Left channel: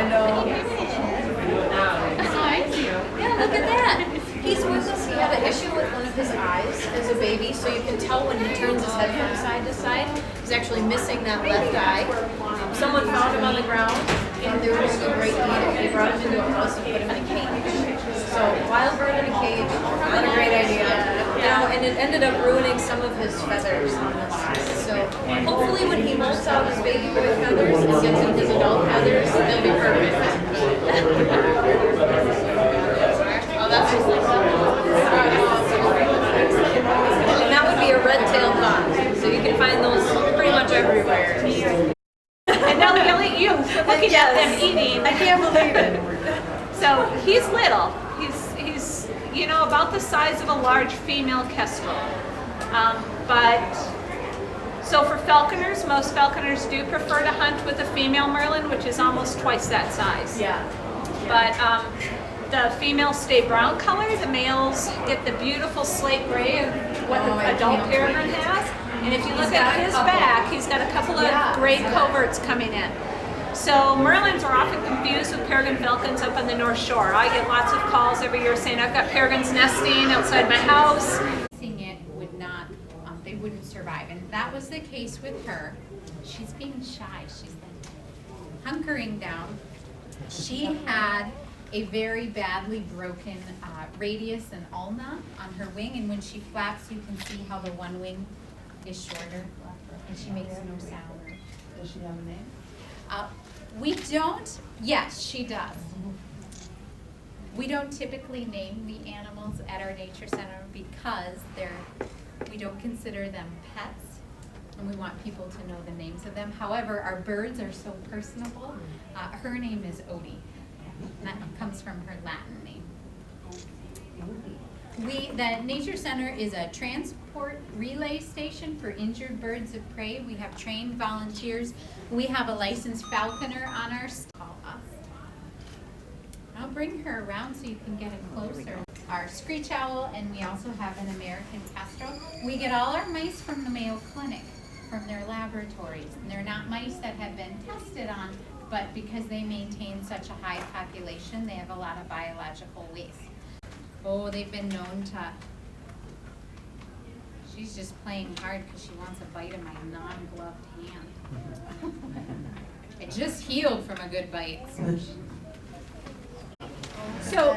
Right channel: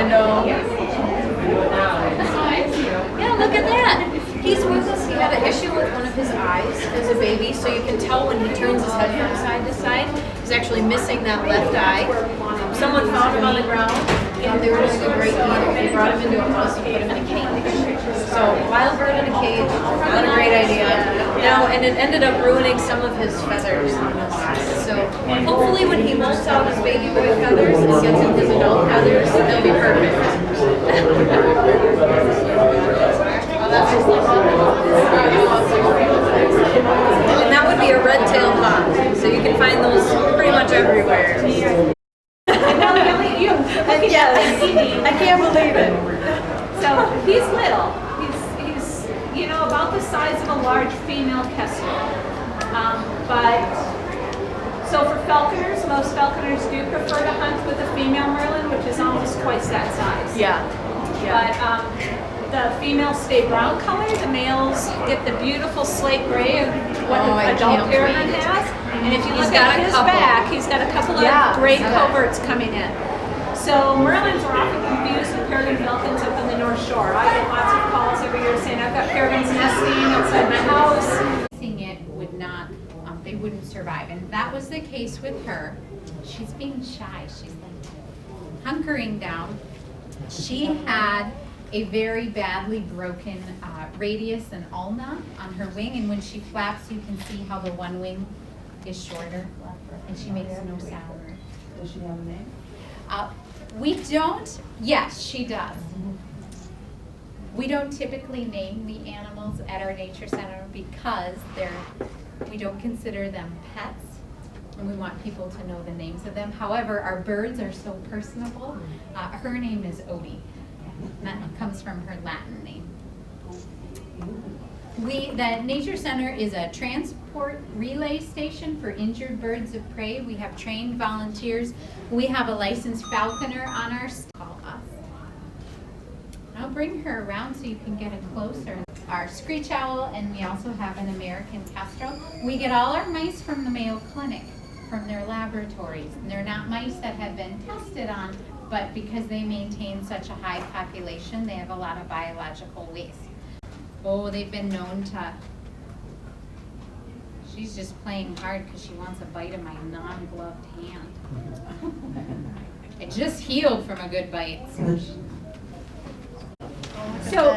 I know. Yeah, look at that. He's with us. He had an issue with one of his eyes as a baby, so you can tell when he turns his head from side to side, he's actually missing that left eye. Someone found him on the ground, and they were doing a great deed. They brought him into a house and put him in a cage. So, wild bird in a cage, not a great idea. No, and it ended up ruining some of his feathers. So, hopefully when he molts out his baby boy feathers and gets in his adult feathers, they'll be perfect. And that would be a red-tailed hawk, so you can find those pretty much everywhere. And now look at you looking at this eating. I can't believe it. So he's little. He's about the size of a large female kestrel. So for falconers, most falconers do prefer to hunt with a female merlin, which is almost twice that size. Yeah. But the females stay brown color. The males get the beautiful slate gray of what an adult peregrine has. And if you look at his back, he's got a couple of gray coverts coming in. So merlins are often confused with peregrine falcons up on the North Shore. I get lots of calls every year saying I've got peregrines nesting outside my house. It would not, they wouldn't survive, and that was the case with her. She's being shy. She's like hunkering down. She had a very badly broken radius and ulna on her wing, and when she flaps, you can see how the one wing is shorter, and she makes no sound. Does she have a name? We don't, yes, she does. We don't typically name the animals at our nature center because we don't consider them pets, and we want people to know the names of them. However, our birds are so personable. Her name is Odie. That comes from her Latin name. The Nature Center is a transport relay station for injured birds of prey. We have trained volunteers. We have a licensed falconer on our call us. I'll bring her around so you can get it closer. Our screech owl, and we also have an American kestrel. We get all our mice from the Mayo Clinic, from their laboratories. And they're not mice that have been tested on, but because they maintain such a high population, they have a lot of biological waste. Oh, they've been known to, she's just playing hard because she wants a bite of my non-gloved hand. It just healed from a good bite. So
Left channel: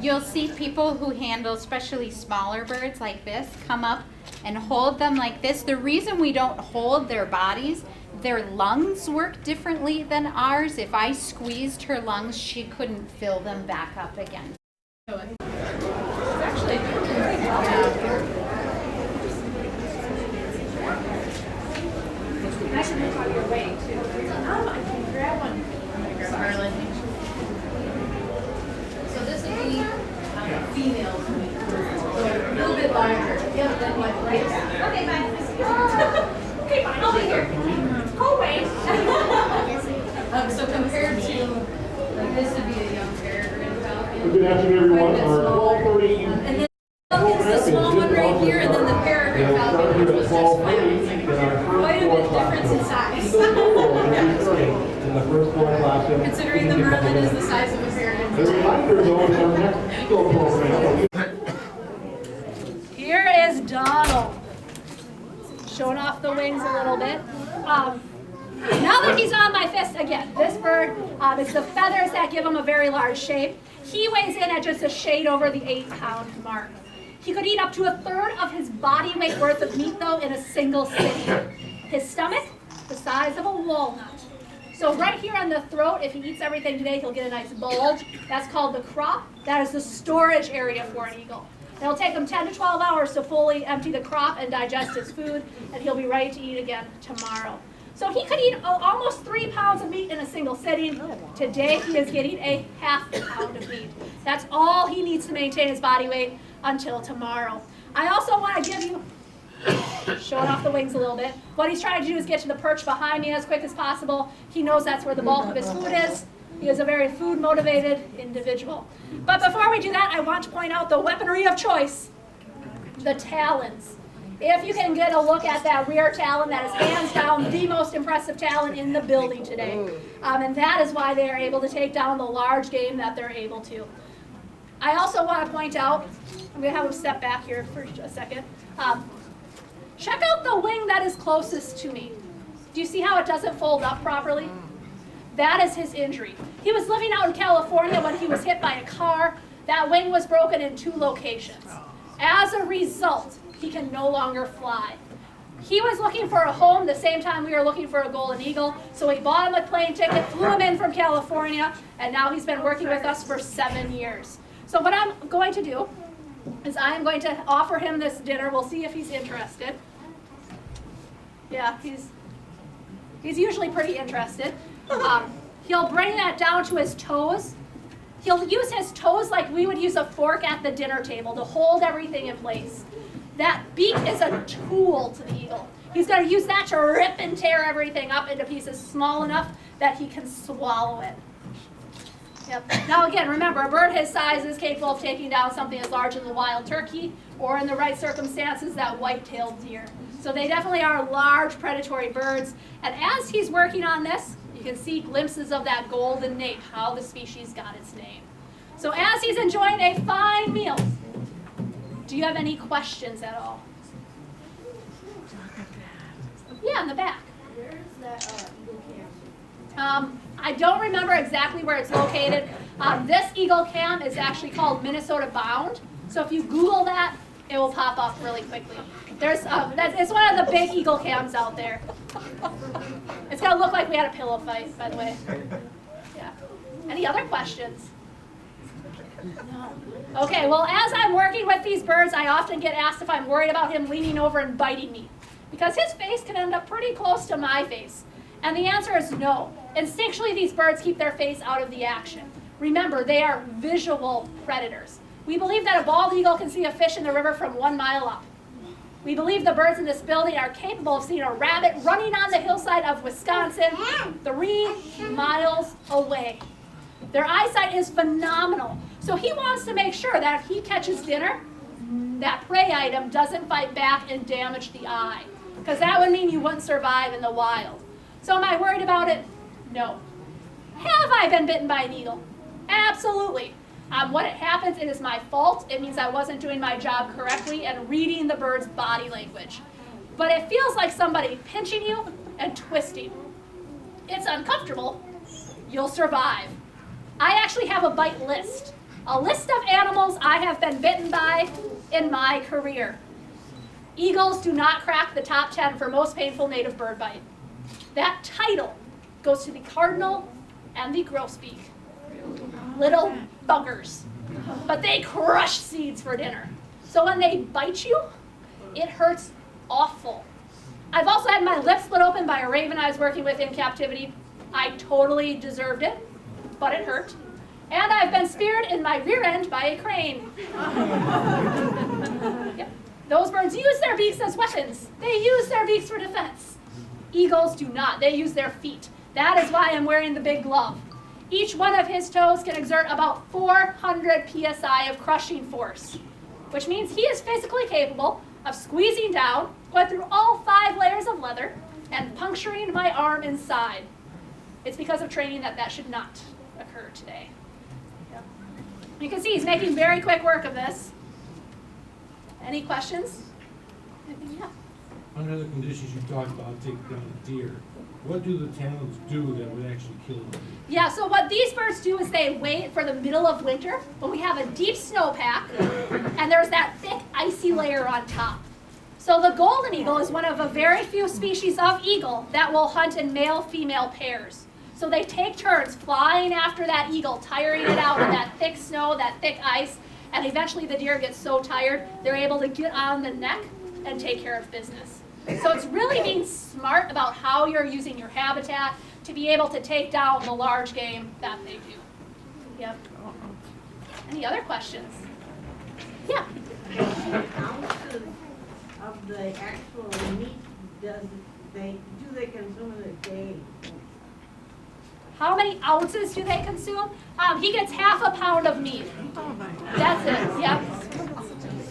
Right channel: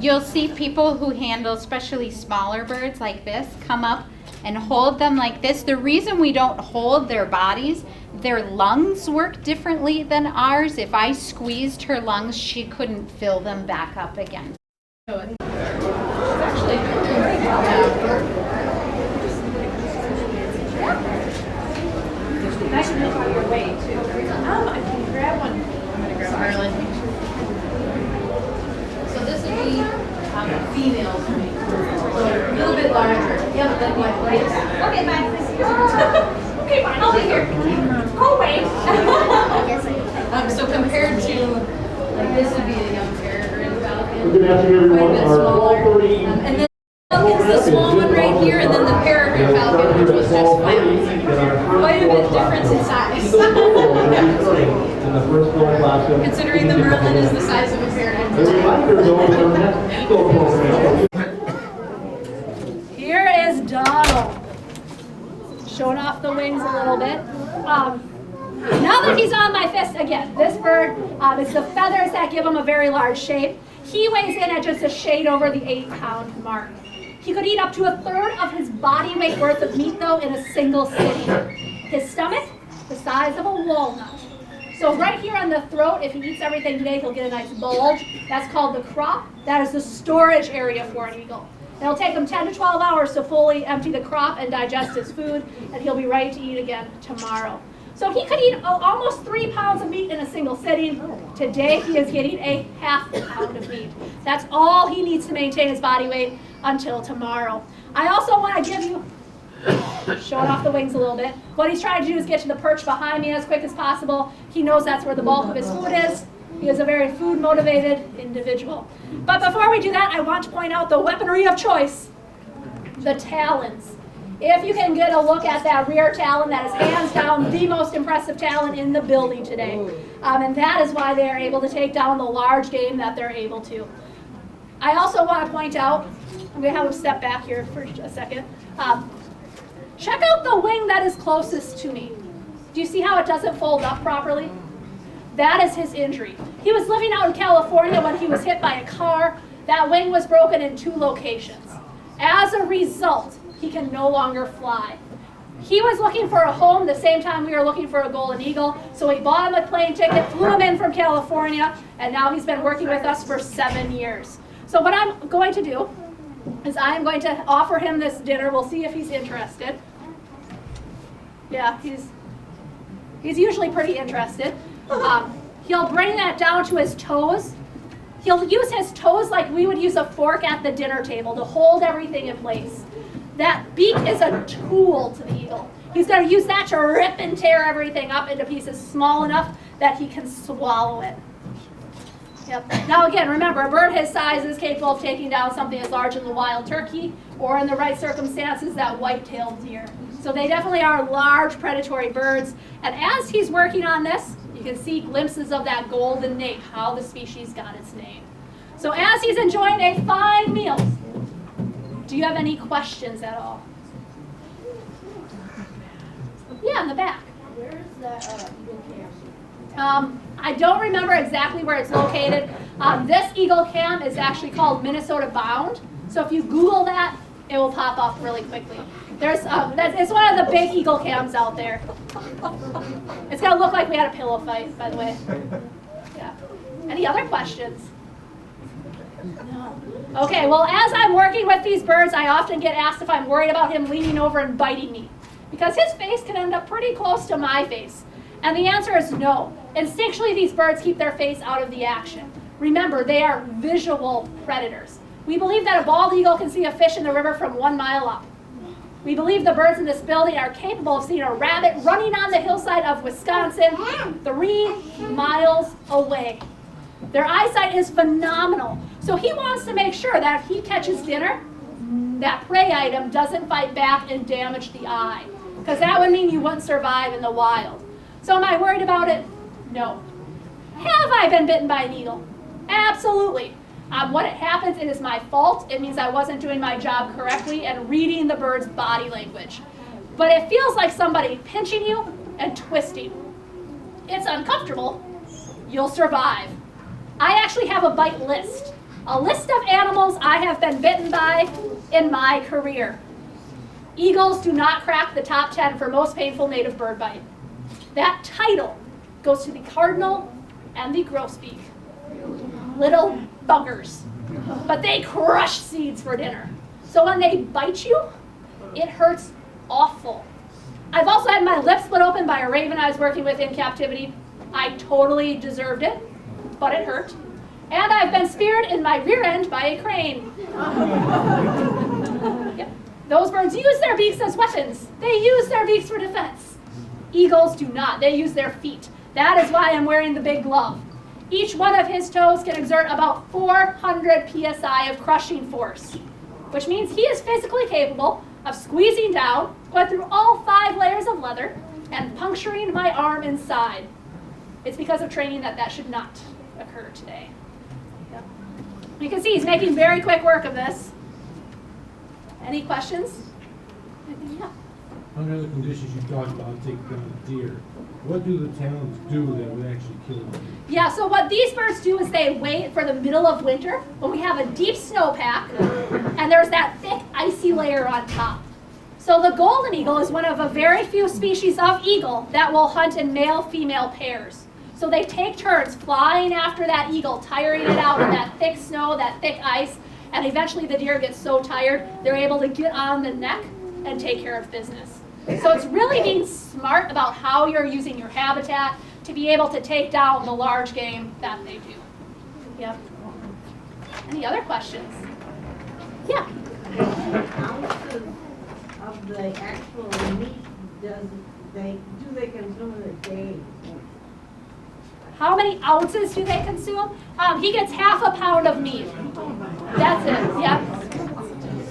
you'll see people who handle especially smaller birds like this come up and hold them like this. The reason we don't hold their bodies, their lungs work differently than ours. If I squeezed her lungs, she couldn't fill them back up again. That should look like your way too. I can grab one. Merlin. So this would be females. A little bit larger. Yeah, then like this. Okay, bye. Okay, bye. I'll be here. Oh, wait. So compared to, like this would be a young peregrine falcon. Good afternoon, everyone. Quite a bit smaller. And then it's the small one right here, and then the peregrine falcon, which was just flat. Quite a bit difference in size. Considering the merlin is the size of a peregrine. Here is Donald, showing off the wings a little bit. Now that he's on my fist again, this bird, it's the feathers that give him a very large shape. He weighs in at just a shade over the 8-pound mark. He could eat up to 1/3 of his body weight worth of meat though in a single sitting. His stomach, the size of a walnut. So right here on the throat, if he eats everything today, he'll get a nice bulge. That's called the crop. That is the storage area for an eagle. It'll take him 10 to 12 hours to fully empty the crop and digest his food, and he'll be ready to eat again tomorrow. So he could eat almost 3 pounds of meat in a single sitting. Today he is getting a 1/2 pound of meat. That's all he needs to maintain his body weight until tomorrow. I also want to give you, showing off the wings a little bit, what he's trying to do is get to the perch behind me as quick as possible. He knows that's where the bulk of his food is. He is a very food-motivated individual. But before we do that, I want to point out the weaponry of choice, the talons. If you can get a look at that rear talon, that is hands down the most impressive talon in the building today. And that is why they are able to take down the large game that they're able to. I also want to point out, I'm going to have him step back here for a second. Check out the wing that is closest to me. Do you see how it doesn't fold up properly? That is his injury. He was living out in California when he was hit by a car. That wing was broken in 2 locations. As a result, he can no longer fly. He was looking for a home the same time we were looking for a golden eagle, so we bought him a plane ticket, flew him in from California, and now he's been working with us for 7 years. So what I'm going to do is I'm going to offer him this dinner. We'll see if he's interested. Yeah, he's usually pretty interested. He'll bring that down to his toes. He'll use his toes like we would use a fork at the dinner table to hold everything in place. That beak is a tool to the eagle. He's going to use that to rip and tear everything up into pieces small enough that he can swallow it. Yep. Now again, remember, a bird his size is capable of taking down something as large as a wild turkey, or in the right circumstances, that white-tailed deer. So they definitely are large predatory birds. And as he's working on this, you can see glimpses of that golden nape, how the species got its name. So as he's enjoying a fine meal, do you have any questions at all? Yeah, in the back. Where is that eagle camp? I don't remember exactly where it's located. This eagle camp is actually called Minnesota Bound. So if you Google that, it will pop up really quickly. It's one of the big eagle camps out there. It's gonna look like we had a pillow fight, by the way. Yeah. Any other questions? No. Okay, well, as I'm working with these birds, I often get asked if I'm worried about him leaning over and biting me, because his face can end up pretty close to my face. And the answer is no. Instinctually, these birds keep their face out of the action. Remember, they are visual predators. We believe that a bald eagle can see a fish in the river from 1 mile up. We believe the birds in this building are capable of seeing a rabbit running on the hillside of Wisconsin 3 miles away. Their eyesight is phenomenal. So he wants to make sure that if he catches dinner, that prey item doesn't fight back and damage the eye, because that would mean you wouldn't survive in the wild. So am I worried about it? No. Have I been bitten by an eagle? Absolutely. When it happens, it is my fault. It means I wasn't doing my job correctly and reading the bird's body language. But it feels like somebody pinching you and twisting. It's uncomfortable. You'll survive. I actually have a bite list. A list of animals I have been bitten by in my career. Eagles do not crack the top 10 for most painful native bird bite. That title goes to the cardinal and the grosbeak. Little buggers. But they crush seeds for dinner. So when they bite you, it hurts awful. I've also had my lip split open by a raven I was working with in captivity. I totally deserved it, but it hurt. And I've been speared in my rear end by a crane. Yep. Those birds use their beaks as weapons. They use their beaks for defense. Eagles do not. They use their feet. That is why I'm wearing the big glove. Each one of his toes can exert about 400 psi of crushing force, which means he is physically capable of squeezing down, going through all 5 layers of leather, and puncturing my arm inside. It's because of training that should not occur today. Yep. You can see he's making very quick work of this. Any questions? Yeah. Under the conditions you talked about taking down a deer, what do the talons do that would actually kill them? Yeah, so what these birds do is they wait for the middle of winter when we have a deep snowpack and there's that thick icy layer on top. So the golden eagle is one of a very few species of eagle that will hunt in male-female pairs. So they take turns flying after that eagle, tiring it out in that thick snow, that thick ice, and eventually the deer gets so tired they're able to get on the neck and take care of business. So it's really being smart about how you're using your habitat to be able to take down the large game that they do. Yep. Any other questions? Yeah. Ounces of the actual meat do they consume in a day? How many ounces do they consume? He gets half a pound of meat. That's it. Yep.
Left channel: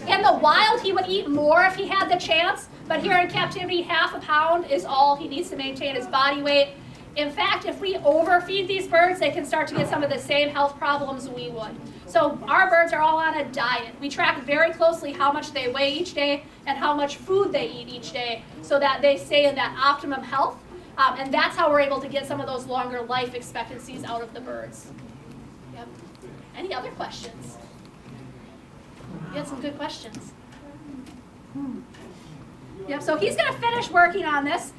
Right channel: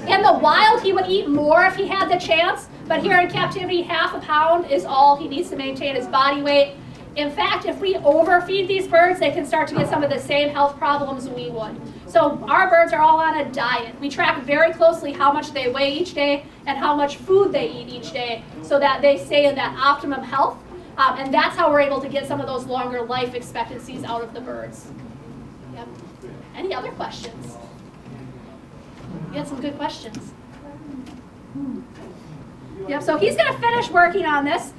In the wild, he would eat more if he had the chance, but here in captivity, half a pound is all he needs to maintain his body weight. In fact, if we overfeed these birds, they can start to get some of the same health problems we would. So our birds are all on a diet. We track very closely how much they weigh each day and how much food they eat each day so that they stay in that optimum health. And that's how we're able to get some of those longer life expectancies out of the birds. Yep. Any other questions? You had some good questions. Yep, so he's going to finish working on this.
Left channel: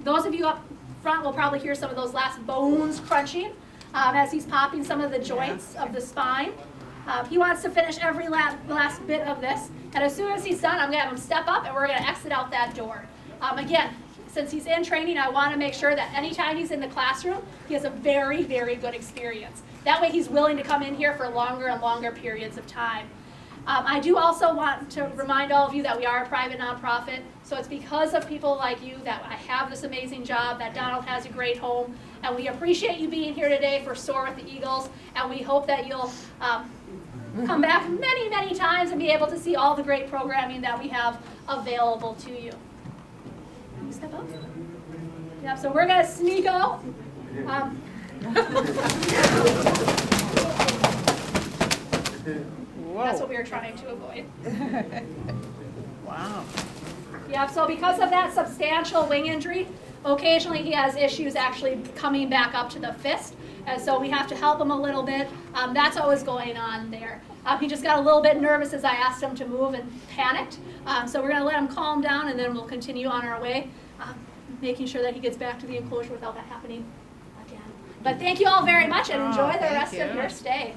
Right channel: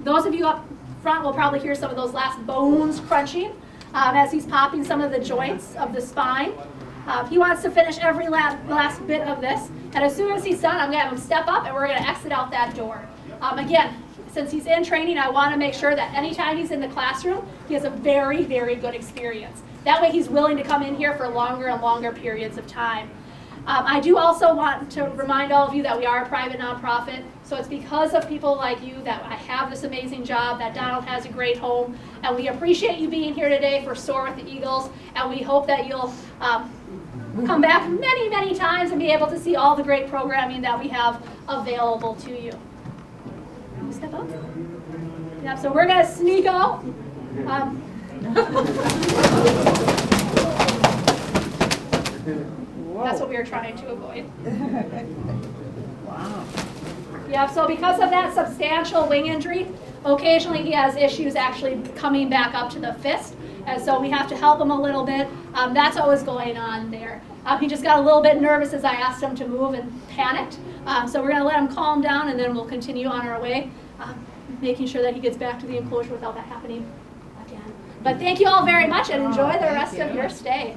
Those of you up front will probably hear some of those last bones crunching as he's popping some of the joints of the spine. He wants to finish every last bit of this. And as soon as he's done, I'm going to have him step up and we're going to exit out that door. Again, since he's in training, I want to make sure that anytime he's in the classroom, he has a very, very good experience. That way he's willing to come in here for longer and longer periods of time. I do also want to remind all of you that we are a private nonprofit, so it's because of people like you that I have this amazing job, that Donald has a great home, and we appreciate you being here today for SOAR with the Eagles, and we hope that you'll come back many, many times and be able to see all the great programming that we have available to you. Can you step up? Yeah, so we're going to sneak out. That's what we were trying to avoid. Wow. Yeah, so because of that substantial wing injury, occasionally he has issues actually coming back up to the fist, and so we have to help him a little bit. That's what was going on there. He just got a little bit nervous as I asked him to move and panicked. So we're going to let him calm down, and then we'll continue on our way, making sure that he gets back to the enclosure without that happening again. But thank you all very much, and enjoy the rest of your stay.